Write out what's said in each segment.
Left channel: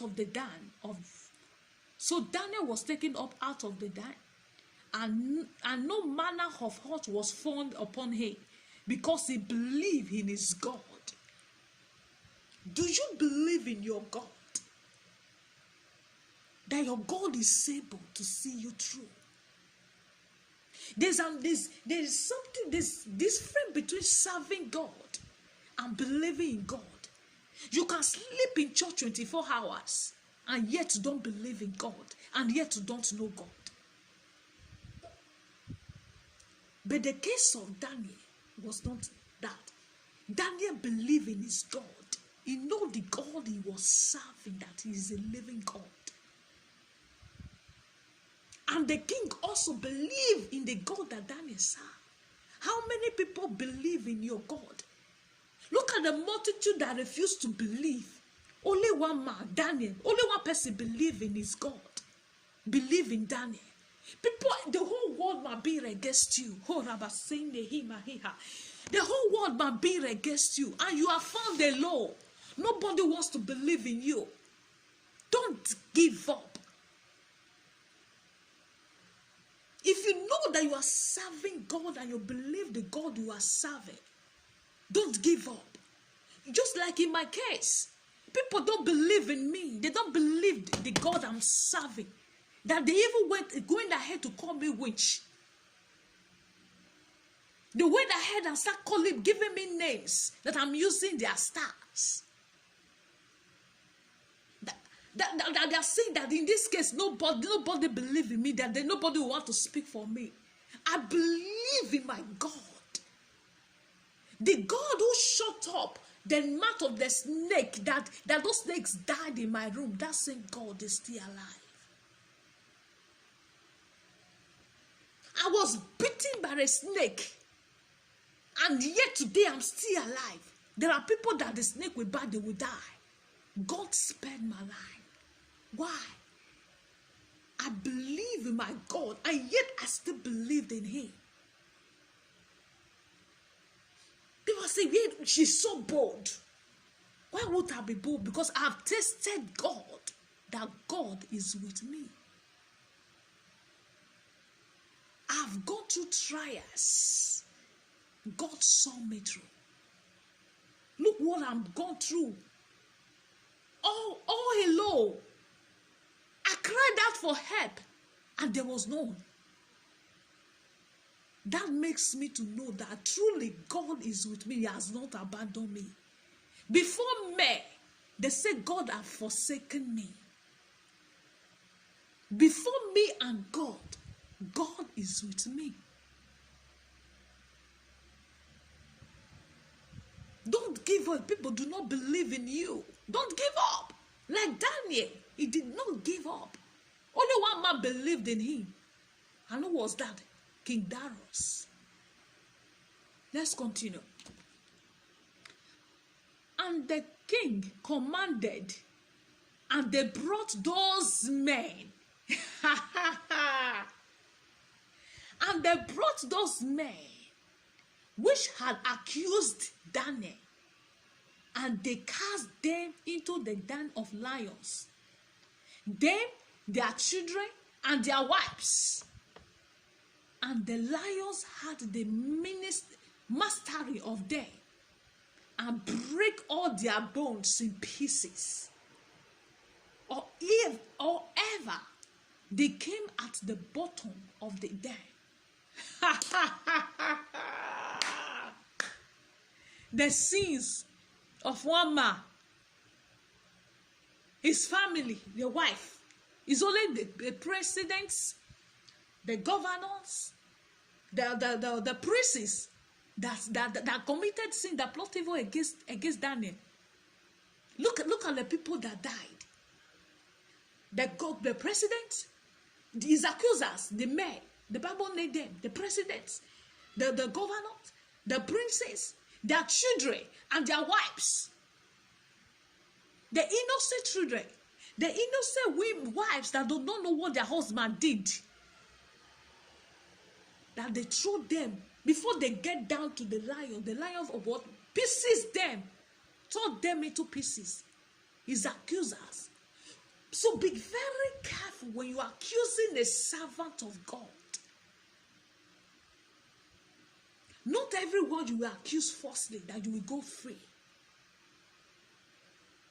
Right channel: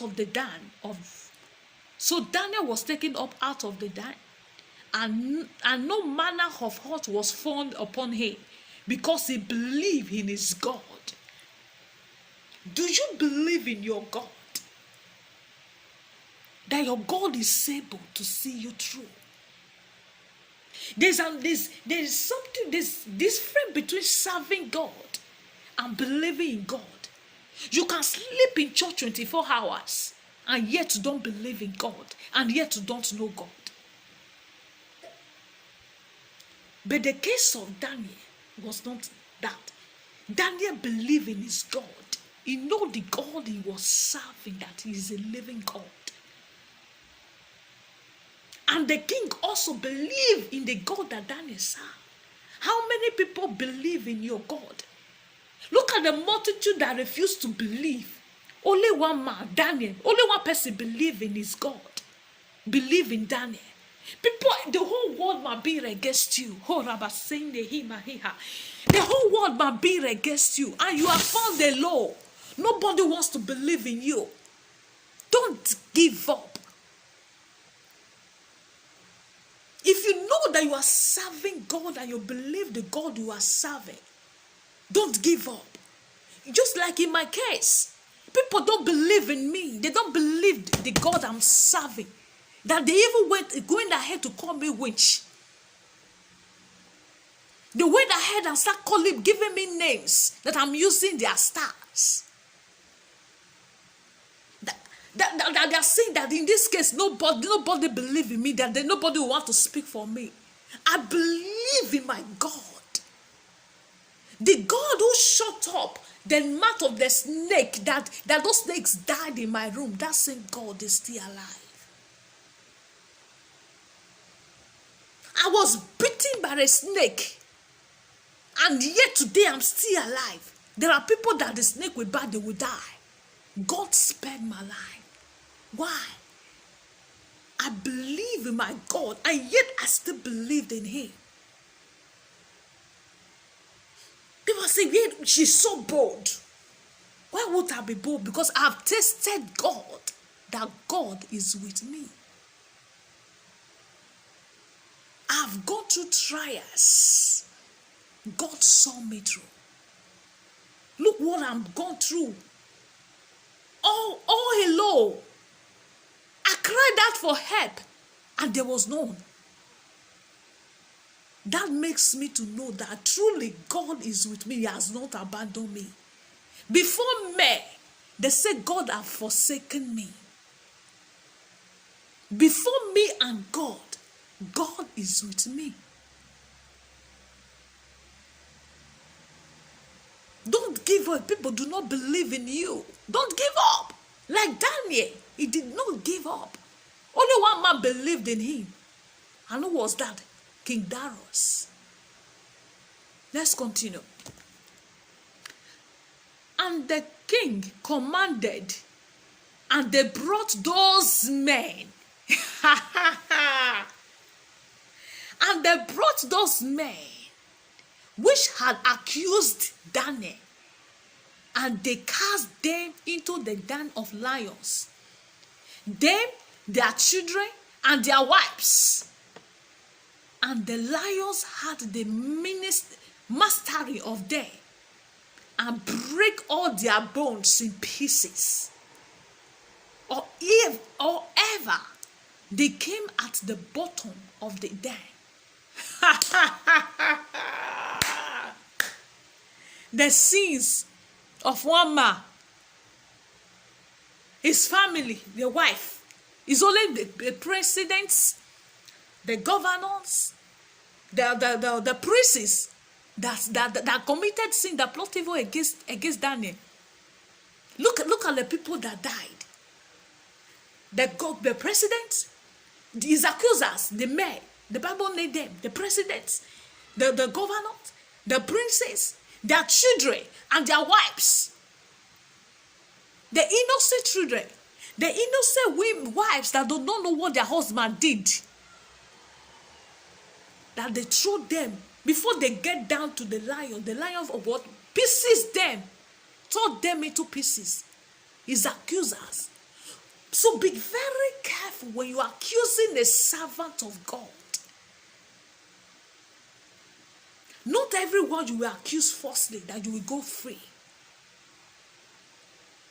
out of the den of. So Daniel was taken up out of the den, and no manner of hurt was found upon him, because he believed in his God. Do you believe in your God? That your God is able to see you through. There's something, this difference between serving God and believing in God. You can sleep in church 24 hours and yet you don't believe in God, and yet you don't know God. But the case of Daniel was not that. Daniel believed in his God. He knew the God he was serving, that he is a living God. And the king also believed in the God that Daniel served. How many people believe in your God? Look at the multitude that refused to believe. Only one man, Daniel, only one person believed in his God. Believe in Daniel. People, the whole world might be against you. The whole world might be against you, and you have found the law. Nobody wants to believe in you. Don't give up. If you know that you are serving God and you believe the God you are serving, don't give up. Just like in my case, people don't believe in me. They don't believe the God I'm serving. That they even going ahead to call me witch. They went ahead and start giving me names that I'm using their stars. That they're saying that in this case, nobody believe in me, that nobody will want to speak for me. I believe in my God. The God who shut up the mouth of the snake, that those snakes died in my room, that same God is still alive. I was bitten by a snake, and yet today I'm still alive. There are people that the snake will bite, they will die. God spared my life. Why? I believe in my God, and yet I still believed in him. People say, yeah, she's so bold. Why would I be bold? Because I've tasted God, that God is with me. I've gone through trials. God saw me through. Look what I've gone through. Oh, hello. I cried out for help, and there was none. That makes me to know that truly God is with me. He has not abandoned me. Before me, they said God have forsaken me. Before me and God, God is with me. Don't give up. People do not believe in you. Don't give up. Like Daniel, he did not give up. Only one man believed in him. And who was that? King Darius. Let's continue. And the king commanded, and they brought those men. And they brought those men which had accused Daniel, and they cast them into the den of lions. Them, their children, and their wives. And the lions had the mastery of them, and break all their bones in pieces. Or ever they came at the bottom of the den. The sins of one man, his family, the wife, is only the presidents, the governors, the princes that committed sin, that plot evil against Daniel. Look at the people that died. The president, his accusers, the mayor, the Bible named them, the presidents, the governors, the princes, their children, and their wives. The innocent children, the innocent wives that do not know what their husband did. That they throw them before they get down to the lion of what? Pieces them, tore them into pieces. His accusers. So be very careful when you are accusing a servant of God. Not everyone you will accuse falsely that you will go free.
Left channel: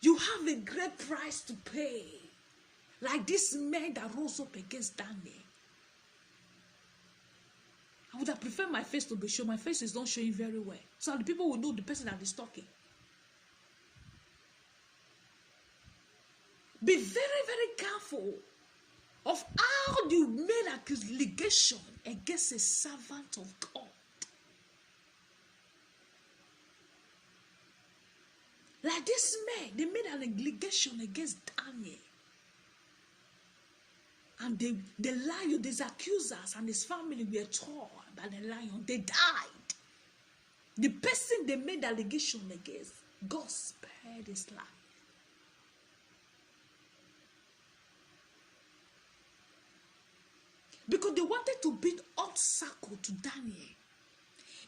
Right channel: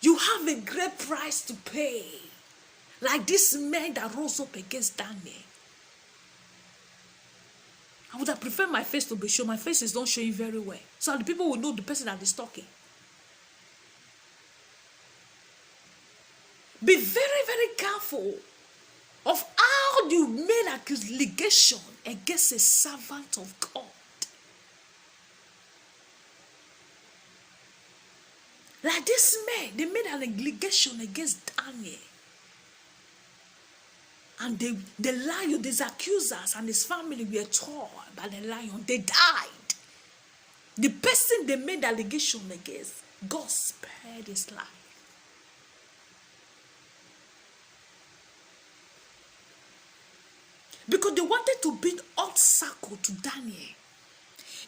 You have a great price to pay. Like this man that rose up against Daniel. I would have preferred my face to be shown. My face is not showing very well. So the people will know the person that is talking. Be very, very careful of how you made accusation against a servant of God. Like this man, they made an allegation against Daniel. And the lion, these accusers and his family were torn by the lion. They died. The person they made allegation against, God spared his life. Because they wanted to build obstacle to Daniel.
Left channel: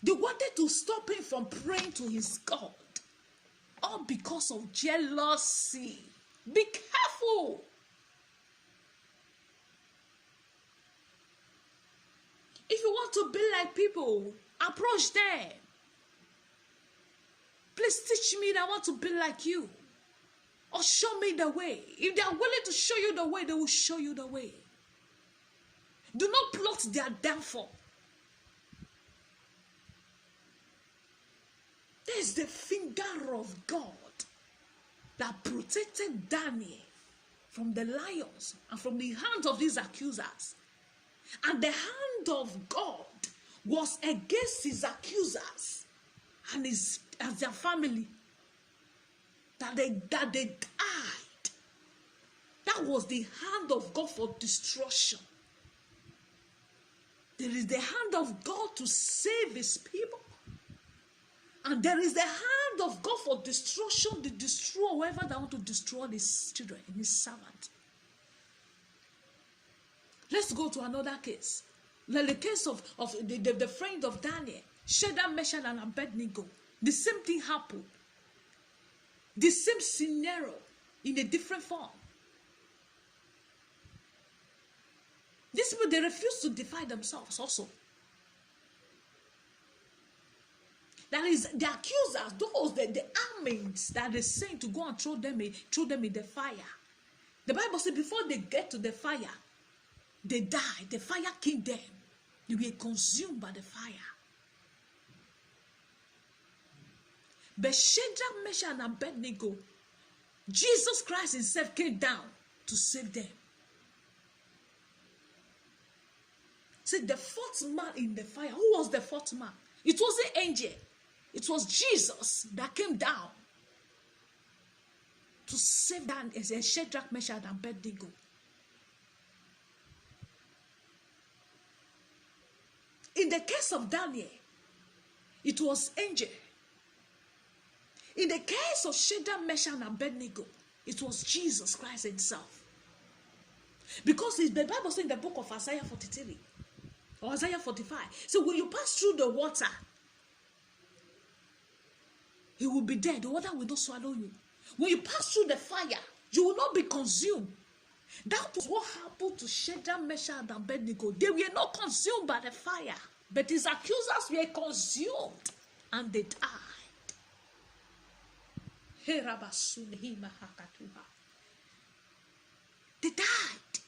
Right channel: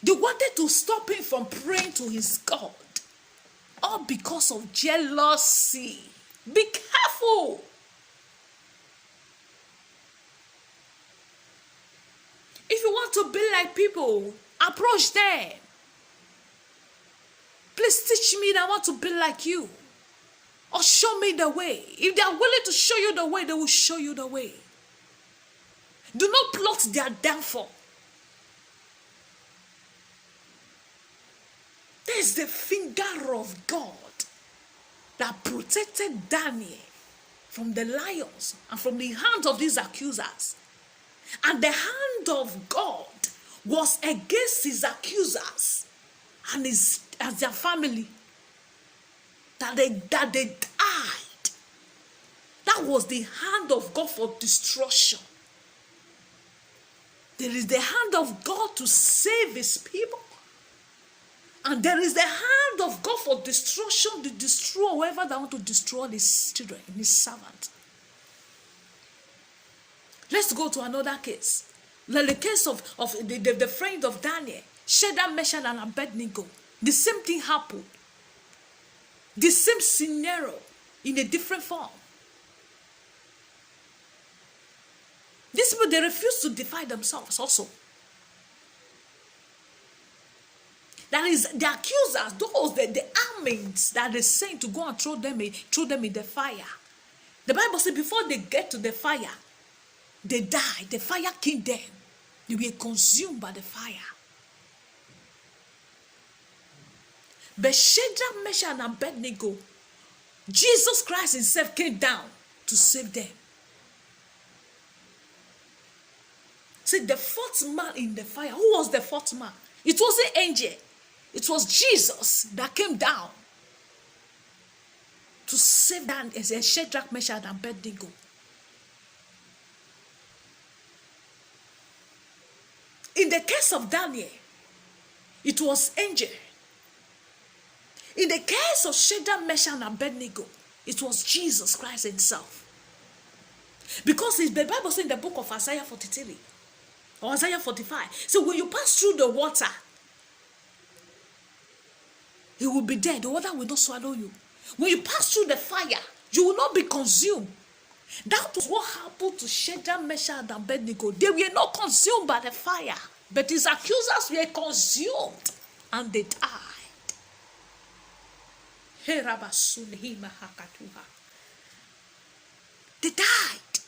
They wanted to stop him from praying to his God. All because of jealousy. Be careful. If you want to be like people, approach them. Please teach me that I want to be like you. Or show me the way. If they are willing to show you the way, they will show you the way. Do not plot their downfall. There's the finger of God that protected Daniel from the lions and from the hands of these accusers. And the hand of God was against his accusers and their family. That they died. That was the hand of God for destruction. There is the hand of God to save his people. And there is the hand of God for destruction to destroy whoever they want to destroy his children, his servant. Let's go to another case. Like the case of the friend of Daniel, Shadrach, Meshach, and Abednego. The same thing happened. The same scenario in a different form. These people, they refuse to defy themselves also. That is, the accusers, those, the armies that they sent to go and throw them in the fire. The Bible says before they get to the fire, they died. The fire killed them. They were consumed by the fire. But Shadrach, Meshach, and Abednego, Jesus Christ himself came down to save them. See, the fourth man in the fire, who was the fourth man? It wasn't angel. It was Jesus that came down to save them as a Shadrach, Meshach, and Abednego. In the case of Daniel, it was angel. In the case of Shadrach, Meshach, and Abednego, it was Jesus Christ himself. Because the Bible says in the book of Isaiah 43 or Isaiah 45, so when you pass through the water, you will be dead. The water will not swallow you. When you pass through the fire, you will not be consumed. That was what happened to Shadrach, Meshach, and Abednego. They were not consumed by the fire, but his accusers were consumed and they died. They died.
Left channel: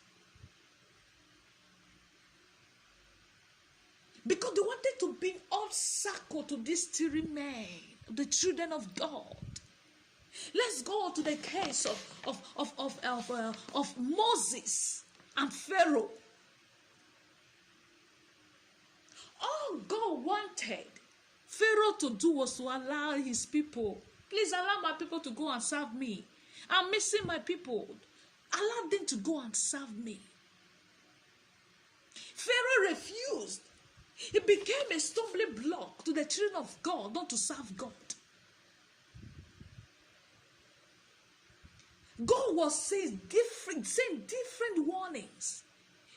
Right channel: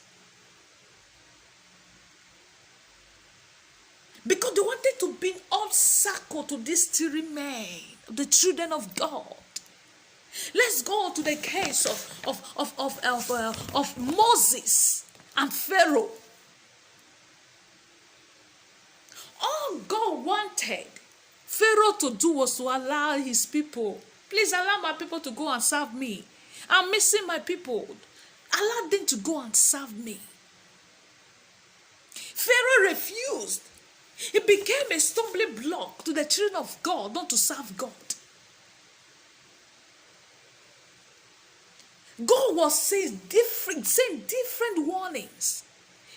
Because they wanted to bring obstacle to these three men, the children of God. Let's go to the case of Moses and Pharaoh. All God wanted Pharaoh to do was to allow his people. Please allow my people to go and serve me. I'm missing my people. Allow them to go and serve me. Pharaoh refused. It became a stumbling block to the children of God not to serve God. God was saying different warnings.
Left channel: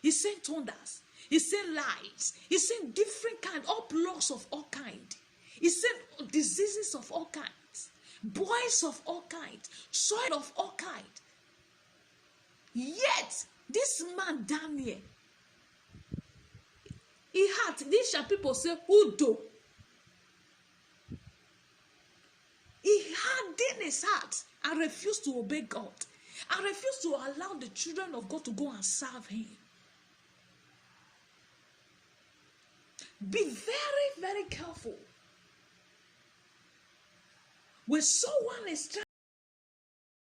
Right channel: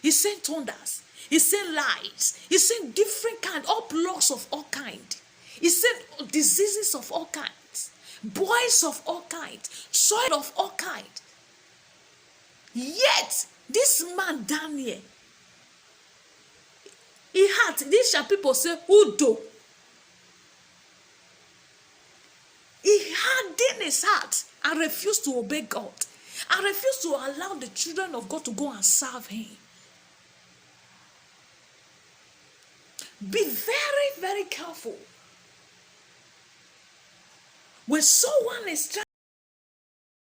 He sent thunders. He sent lies. He sent different kind, all plagues of all kind. He sent diseases of all kinds, boils of all kinds, soil of all kinds. Yet, this man Daniel, he had, these shall people say, Udo. He had in his heart and refused to obey God. And refused to allow the children of God to go and serve him. Be very, very careful. When someone is trying